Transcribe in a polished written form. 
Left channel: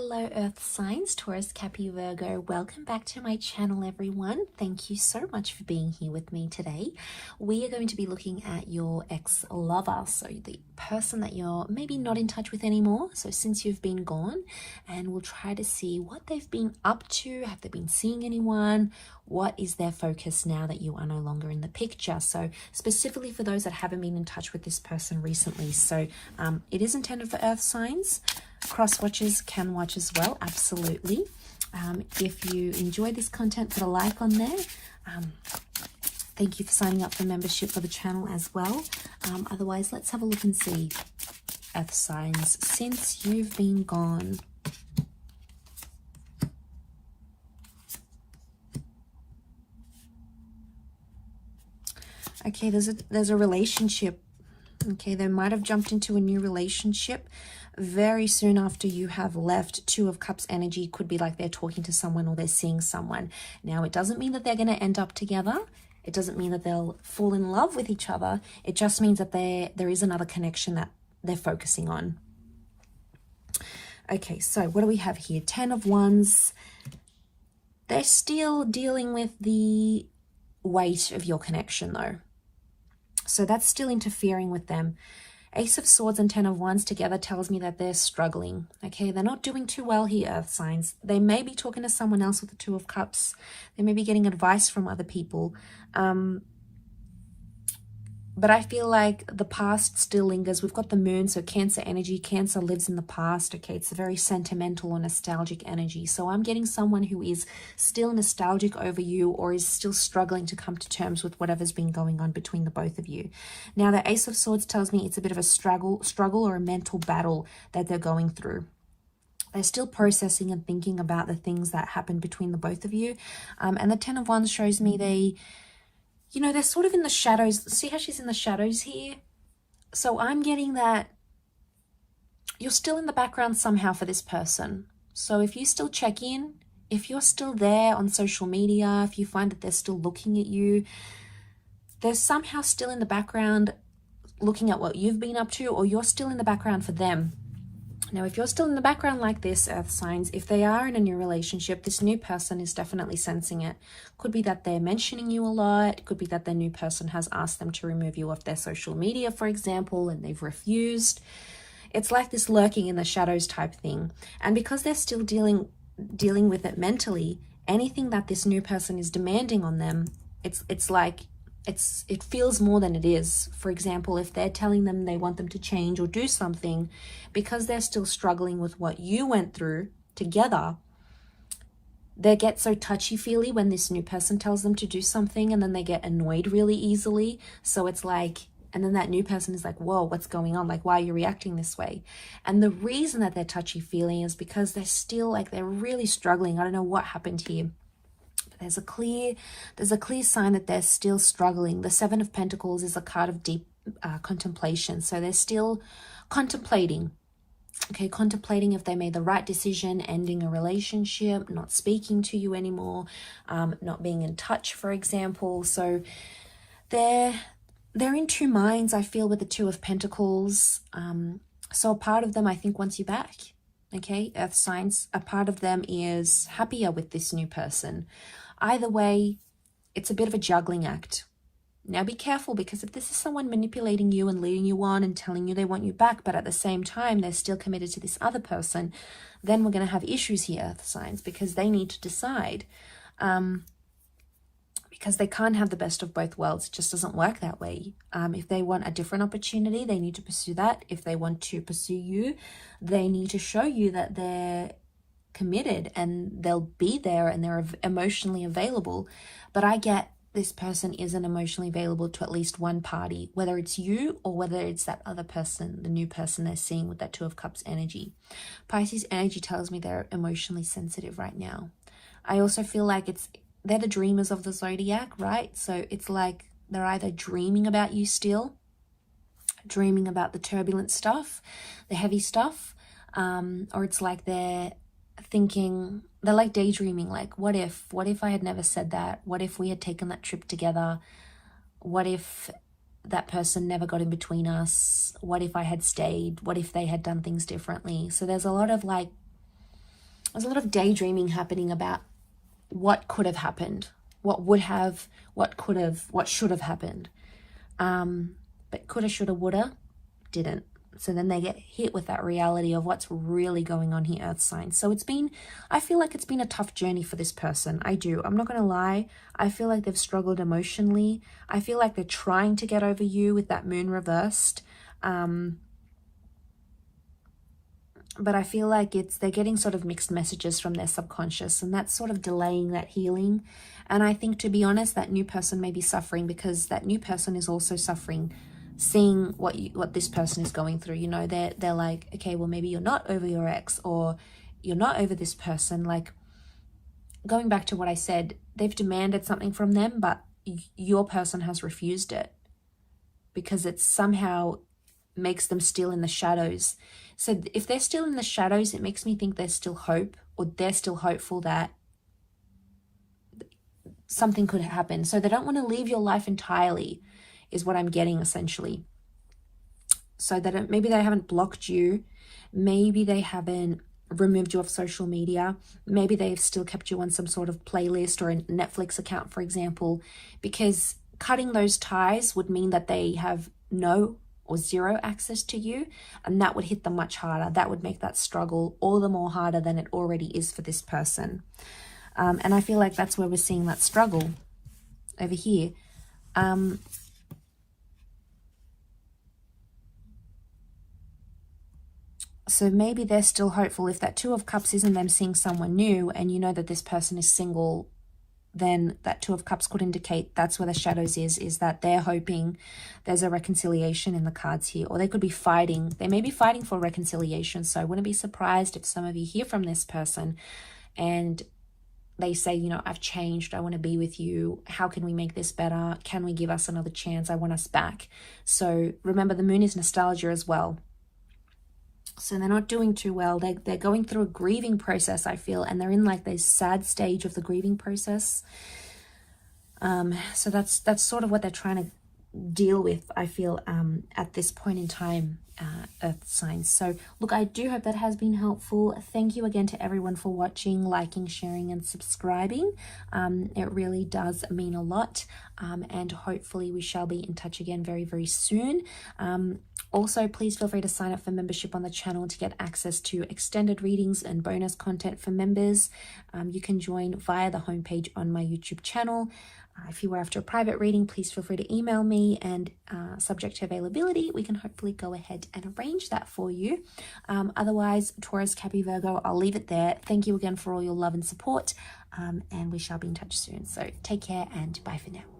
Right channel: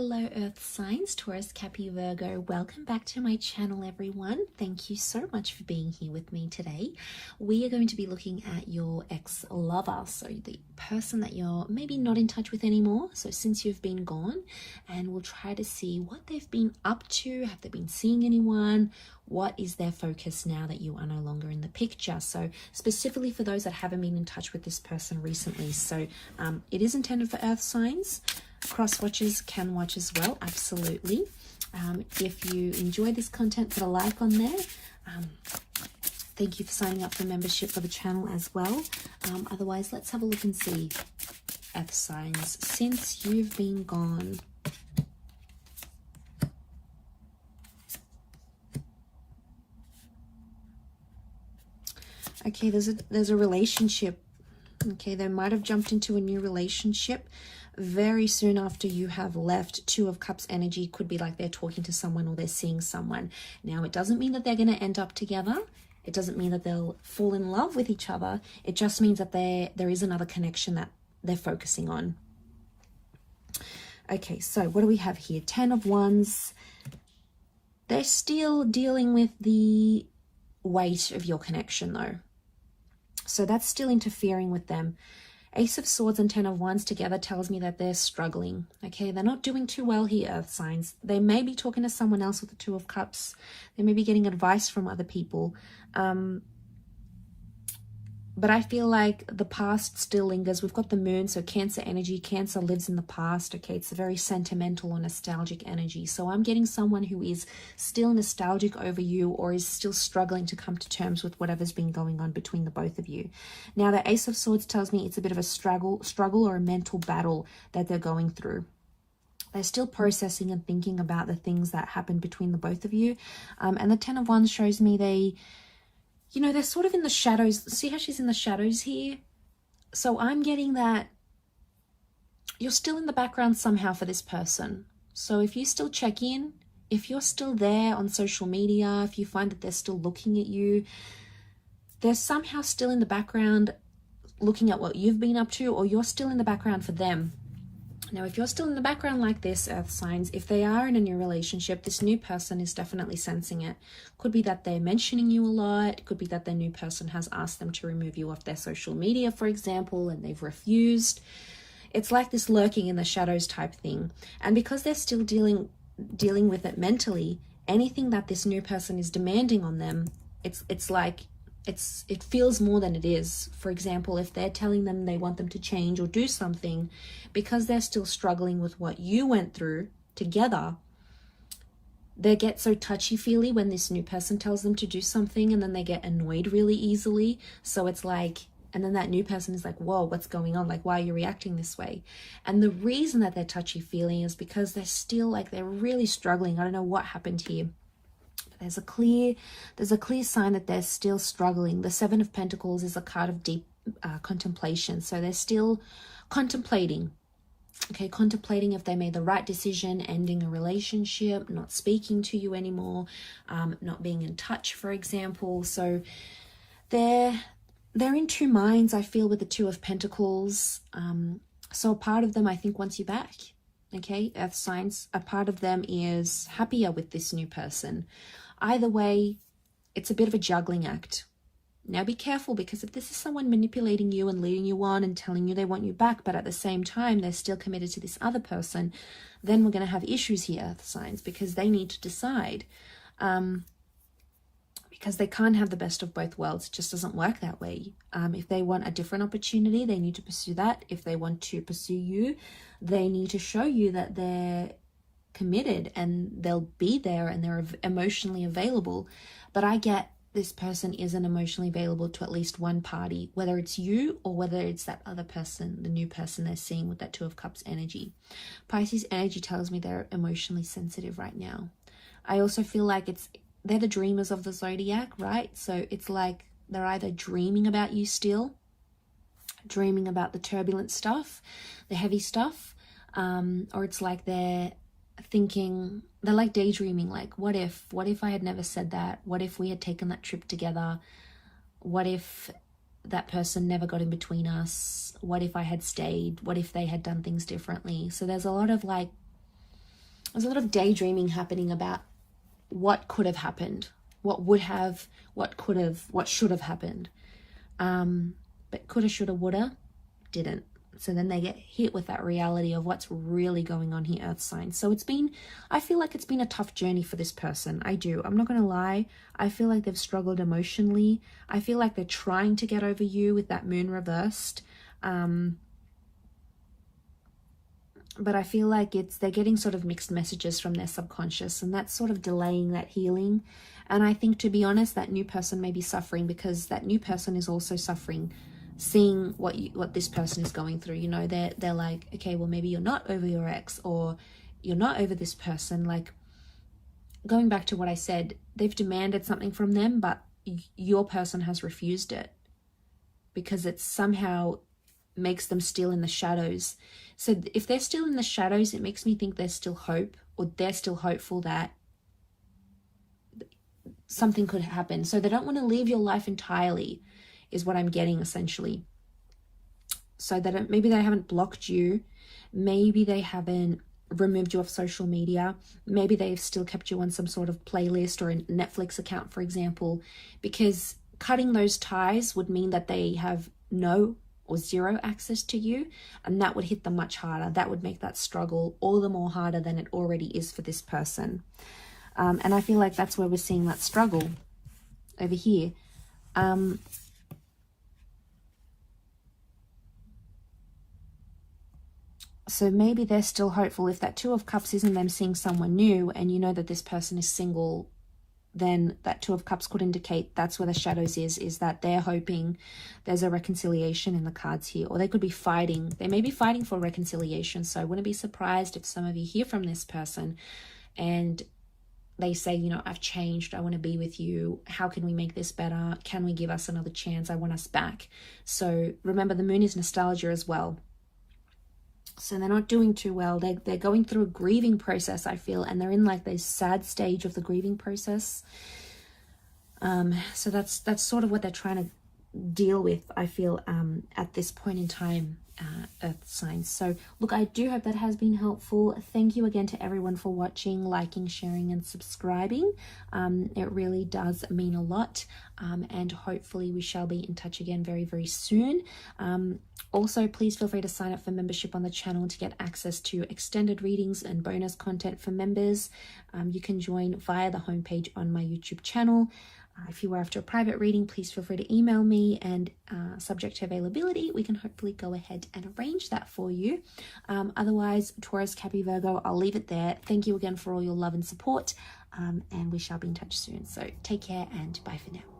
Hello Earth signs, Taurus, Capricorn, Virgo. Welcome back to my channel, everyone. Thank you so much for being here with me today. We are going to be looking at your ex-lover, so the person that you're maybe not in touch with anymore, so since you've been gone, and we'll try to see what they've been up to. Have they been seeing anyone? What is their focus now that you are no longer in the picture? So specifically for those that haven't been in touch with this person recently. So it is intended for Earth signs. Cross watchers can watch as well, absolutely. If you enjoy this content, put a like on there. Thank you for signing up for membership for the channel as well. Otherwise, let's have a look and see, Earth signs, since you've been gone. Okay, there's a relationship. Okay, they might have jumped into a new relationship very soon after you have left. Two of Cups energy could be like they're talking to someone or they're seeing someone. Now, it doesn't mean that they're going to end up together. It doesn't mean that they'll fall in love with each other. It just means that there is another connection that they're focusing on. Okay, so what do we have here? 10 of Wands. They're still dealing with the weight of your connection though. So that's still interfering with them. Ace of Swords and 10 of Wands together tells me that they're struggling. Okay, they're not doing too well here, Earth signs. They may be talking to someone else with the Two of Cups. They may be getting advice from other people. But I feel like the past still lingers. We've got the moon, so Cancer energy. Cancer lives in the past. Okay, it's a very sentimental or nostalgic energy. So I'm getting someone who is still nostalgic over you or is still struggling to come to terms with whatever's been going on between the both of you. Now, the Ace of Swords tells me it's a bit of a struggle or a mental battle that they're going through. They're still processing and thinking about the things that happened between the both of you. And the 10 of Wands shows me they're sort of in the shadows. See how she's in the shadows here? So I'm getting that you're still in the background somehow for this person. So if you still check in, if you're still there on social media, if you find that they're still looking at you, they're somehow still in the background looking at what you've been up to, or you're still in the background for them. Now, if you're still in the background like this, Earth signs, if they are in a new relationship, this new person is definitely sensing it. Could be that they're mentioning you a lot. Could be that their new person has asked them to remove you off their social media, for example, and they've refused. It's like this lurking in the shadows type thing. And because they're still dealing with it mentally, anything that this new person is demanding on them, it feels more than it is. For example, if they're telling them they want them to change or do something, because they're still struggling with what you went through together, they get so touchy-feely when this new person tells them to do something, and then they get annoyed really easily. So it's like, and then that new person is like, whoa, what's going on? Like, why are you reacting this way? And the reason that they're touchy-feely is because they're still they're really struggling. I don't know what happened here. There's a clear sign that they're still struggling. The Seven of Pentacles is a card of deep contemplation. So they're still contemplating. Okay, contemplating if they made the right decision, ending a relationship, not speaking to you anymore, not being in touch, for example. So they're in two minds, I feel, with the Two of Pentacles. So a part of them, I think, wants you back. Okay, Earth signs, a part of them is happier with this new person. Either way, it's a bit of a juggling act. Now be careful, because if this is someone manipulating you and leading you on and telling you they want you back, but at the same time they're still committed to this other person, then we're going to have issues here, Earth signs, because they need to decide. Because they can't have the best of both worlds. It just doesn't work that way. If they want a different opportunity, they need to pursue that. If they want to pursue you, they need to show you that they're committed and they'll be there and they're emotionally available. But I get this person isn't emotionally available to at least one party, whether it's you or whether it's that other person, the new person they're seeing with that Two of Cups energy. Pisces energy tells me they're emotionally sensitive right now. I also feel like they're the dreamers of the zodiac, right? So it's like they're either dreaming about you still, dreaming about the turbulent stuff, the heavy stuff, or it's like they're thinking, they're like daydreaming, like what if I had never said that? What if we had taken that trip together? What if that person never got in between us? What if I had stayed? What if they had done things differently? So there's a lot of there's a lot of daydreaming happening about what could have happened, what would have, what could have, what should have happened. But coulda, shoulda, woulda, didn't. So then they get hit with that reality of what's really going on here, Earth signs. So it's been, I feel like it's been a tough journey for this person. I do. I'm not going to lie. I feel like they've struggled emotionally. I feel like they're trying to get over you with that moon reversed. But I feel like they're getting sort of mixed messages from their subconscious, and that's sort of delaying that healing. And I think, to be honest, that new person may be suffering because that new person is also suffering, seeing what this person is going through. You know, they're like, okay, well, maybe you're not over your ex, or you're not over this person. Like, going back to what I said, they've demanded something from them, but your person has refused it because it somehow makes them still in the shadows. So if they're still in the shadows, it makes me think there's still hope, or they're still hopeful that something could happen. So they don't want to leave your life entirely, is what I'm getting essentially. So that maybe they haven't blocked you, maybe they haven't removed you off social media, maybe they've still kept you on some sort of playlist or a Netflix account, for example, because cutting those ties would mean that they have no or zero access to you, and that would hit them much harder. That would make that struggle all the more harder than it already is for this person. And I feel like that's where we're seeing that struggle over here. So maybe they're still hopeful. If that Two of Cups isn't them seeing someone new, and you know that this person is single, then that Two of Cups could indicate that's where the shadows is that they're hoping there's a reconciliation in the cards here, or they could be fighting. They may be fighting for reconciliation. So I wouldn't be surprised if some of you hear from this person and they say, you know, I've changed, I want to be with you, how can we make this better, can we give us another chance, I want us back. So remember, the moon is nostalgia as well. So they're not doing too well. They're going through a grieving process, I feel, and they're in like this sad stage of the grieving process. So that's sort of what they're trying to deal with, I feel, at this point in time, Earth signs. So look, I do hope that has been helpful. Thank you again to everyone for watching, liking, sharing, and subscribing. It really does mean a lot, and hopefully we shall be in touch again very, very soon. Also, please feel free to sign up for membership on the channel to get access to extended readings and bonus content for members. You can join via the homepage on my YouTube channel. If you were after a private reading, please feel free to email me, and subject to availability, we can hopefully go ahead and arrange that for you. Otherwise, Taurus, Capricorn, Virgo, I'll leave it there. Thank you again for all your love and support, and we shall be in touch soon. So take care and bye for now.